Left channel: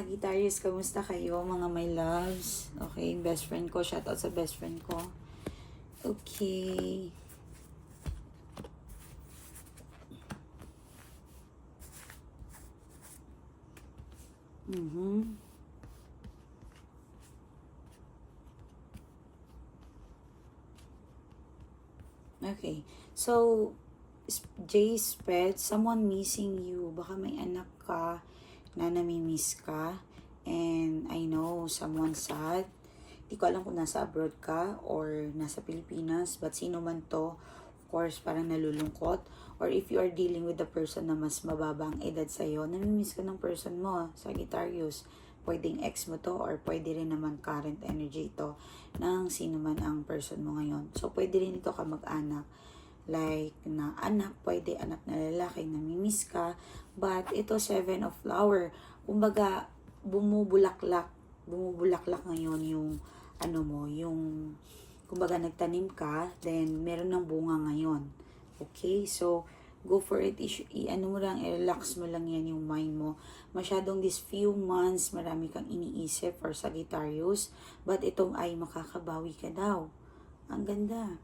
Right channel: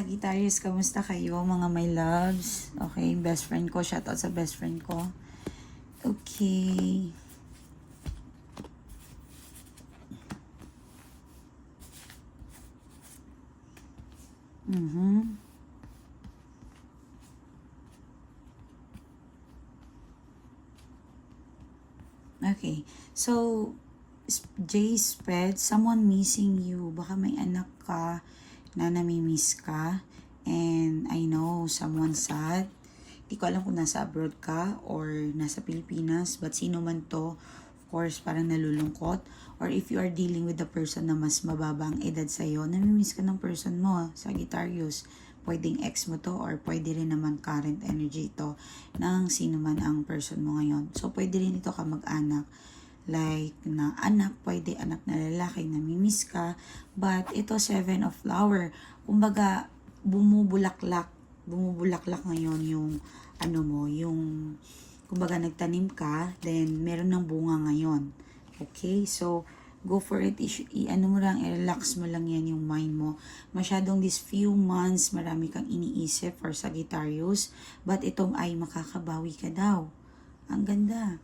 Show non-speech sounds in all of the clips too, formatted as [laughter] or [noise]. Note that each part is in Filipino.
Sagittarius, kamusta kayo mga my loves? Okay, best friend ko. Shoutout sa best friend ko. Okay. Mhm. Okay. So, J spread, someone missing you. Baka may anak ka na namimiss ka. And I know someone sad. Hindi ko alam kung nasa abroad ka or nasa Pilipinas. But sino man to, of course, parang nalulungkot. Or if you are dealing with a person na mas mababa ang edad sa'yo, namimiss ka ng person mo, Sagittarius. Pwedeng ex mo to or pwede rin naman current energy to ng sino man ang person mo ngayon. So, pwede rin ito ka mag-anak like na anak, pwede anak na lalaki, namimiss ka. But ito, seven of flower. Kumbaga, bumubulaklak, bumubulaklak ngayon yung ano mo, yung kumbaga nagtanim ka, then meron ng bunga ngayon. Okay? So, go for it. I, i- ano mo lang, i-relax mo lang yan yung mind mo. Masyadong these few months, marami kang iniisip for Sagittarius. But itong ay makakabawi ka daw. Ang ganda.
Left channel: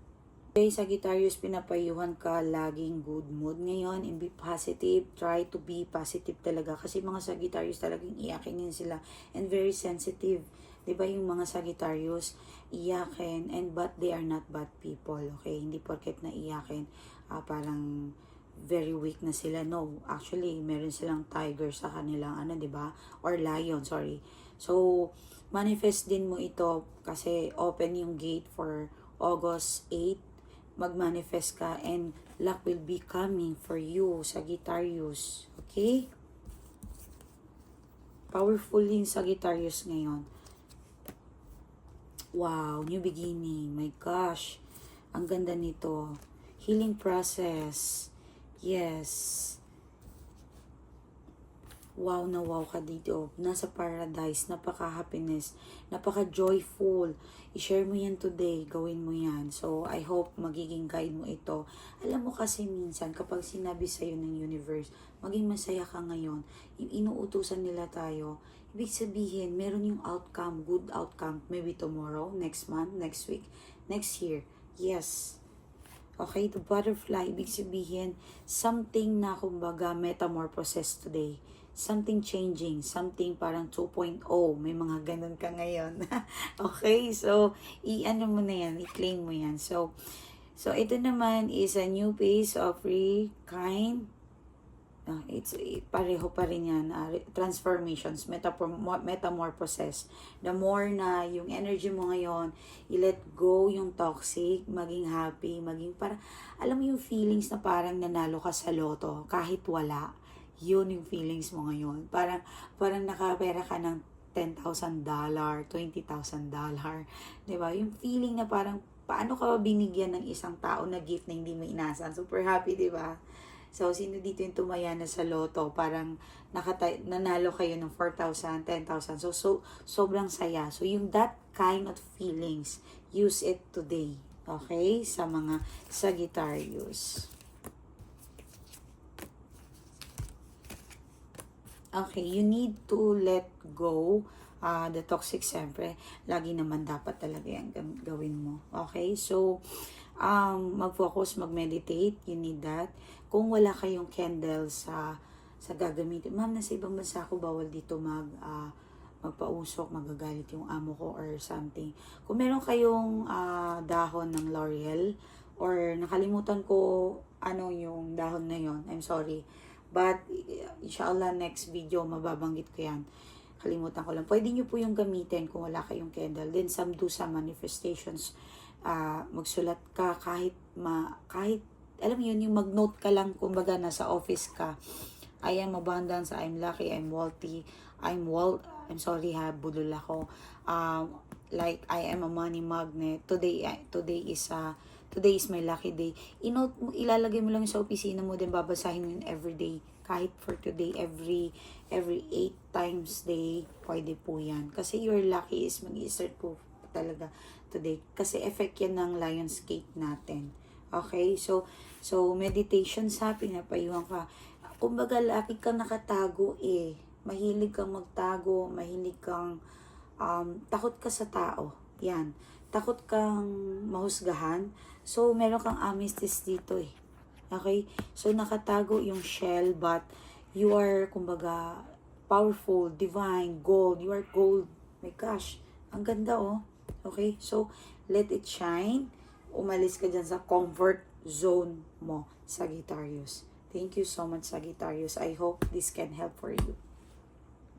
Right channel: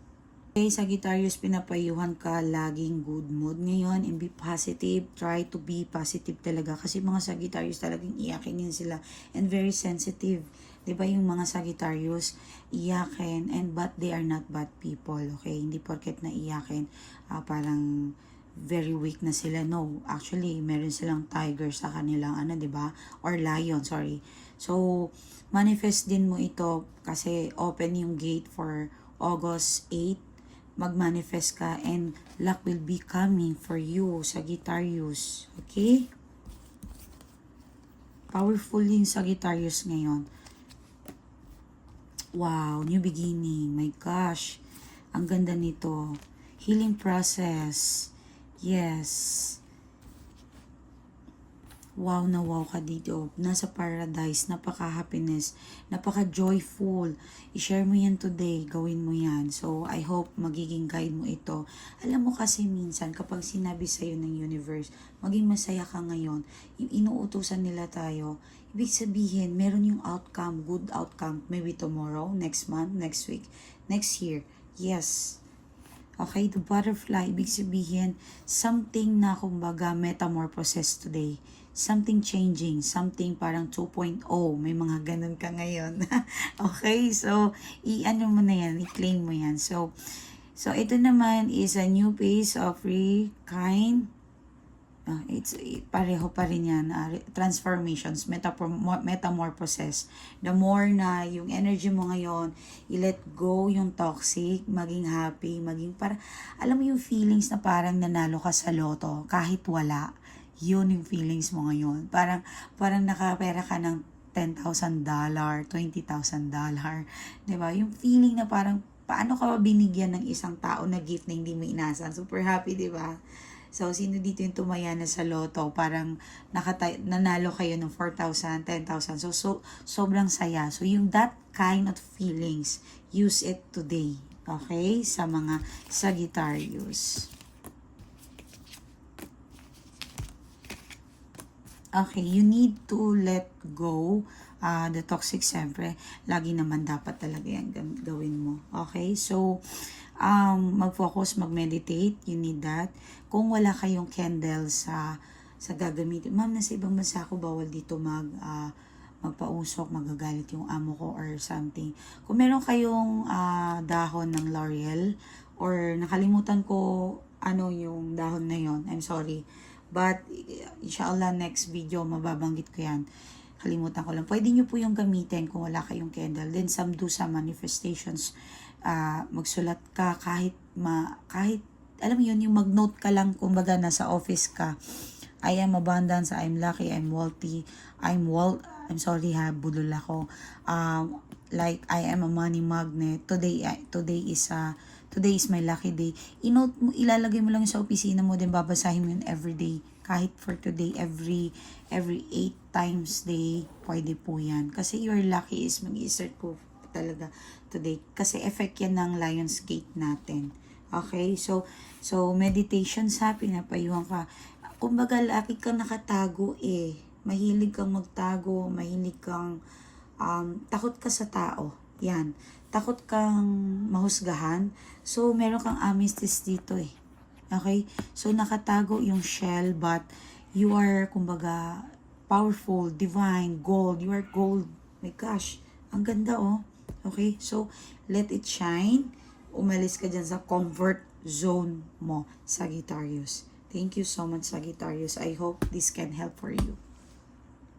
Okay, Sagittarius, pinapayuhan ka laging good mood ngayon and be positive. Try to be positive talaga kasi mga Sagittarius talagang iyakinin sila and very sensitive. 'Di ba yung mga Sagittarius iyakin and but they are not bad people, okay? Hindi porket na iyakin ah, parang very weak na sila. No, actually, meron silang tiger sa kanilang ano, 'di ba? Or lion, sorry. So, manifest din mo ito kasi open yung gate for August 8 mag-manifest ka and luck will be coming for you, Sagittarius. Okay? Powerful yung Sagittarius ngayon. Wow, new beginning. My gosh. Ang ganda nito. Healing process. Yes. Wow na wow ka dito. Nasa paradise. Napaka-happiness. Napaka-joyful. I-share mo yan today. Gawin mo yan. So, I hope magiging guide mo ito. Alam mo kasi minsan, kapag sinabi sa'yo ng universe, maging masaya ka ngayon, inuutusan nila tayo, ibig sabihin, meron yung outcome, good outcome, maybe tomorrow, next month, next week, next year. Yes. Okay, the butterfly, ibig sabihin, something na kumbaga metamorphosis today. Something changing, something parang 2.0. May mga ganun ka ngayon. [laughs] okay, so, i-ano mo na yan, i-claim mo yan. So, so ito naman is a new phase of free kind. Ah, it's eh, pareho pa rin yan. re- transformations, mo- metamorphosis. The more na yung energy mo ngayon, i-let go yung toxic, maging happy, maging para, alam mo yung feelings na parang nanalo ka sa loto, kahit wala. Yun yung feelings mo ngayon. Parang, parang nakapera ka ng $10,000, $20,000. Diba? Yung feeling na parang, paano ka ba binigyan ng isang tao na gift na hindi mo inasan? Super happy, di ba? So, sino dito yung tumaya na sa loto? Parang nakatay, nanalo kayo ng 4,000, 10,000. So, so, sobrang saya. So, yung that kind of feelings, use it today. Okay? Sa mga Sagittarius. Okay, you need to let go uh, the toxic siyempre. Lagi naman dapat talaga yan gawin mo. Okay, so um, mag-focus, mag-meditate, you need that. Kung wala kayong candle sa sa gagamitin, ma'am, nasa ibang bansa ako, bawal dito mag ah, magpausok, magagalit yung amo ko or something. Kung meron kayong ah, dahon ng L'Oreal or nakalimutan ko ano yung dahon na yon I'm sorry. But, inshallah, next video, mababanggit ko yan. Kalimutan ko lang. Pwede nyo po yung gamitin kung wala kayong candle. Then, some do some manifestations. ah magsulat ka kahit ma, kahit, alam mo yun, yung mag-note ka lang, kumbaga nasa office ka. I am abundance, I'm lucky, I'm wealthy, I'm well, I'm sorry ha, bulol ako. Um, like, I am a money magnet. Today, today is a, today is my lucky day. Inote mo, ilalagay mo lang sa opisina mo, din babasahin mo yun every day. Kahit for today, every, every 8 times day, pwede po yan. Kasi your lucky is mag-insert po talaga today. Kasi effect yan ng Lion's Gate natin. Okay? So, so meditation sa pinapayuhan ka. Kumbaga, lagi kang nakatago eh. mahilig kang magtago, mahilig kang um, takot ka sa tao. Yan. Takot kang mahusgahan. So, meron kang amethyst dito eh. Okay? So, nakatago yung shell but you are, kumbaga, powerful, divine, gold. You are gold. My gosh. Ang ganda oh. Okay? So, let it shine. Umalis ka dyan sa comfort zone mo, Sagittarius. Thank you so much, Sagittarius. I hope this can help for you.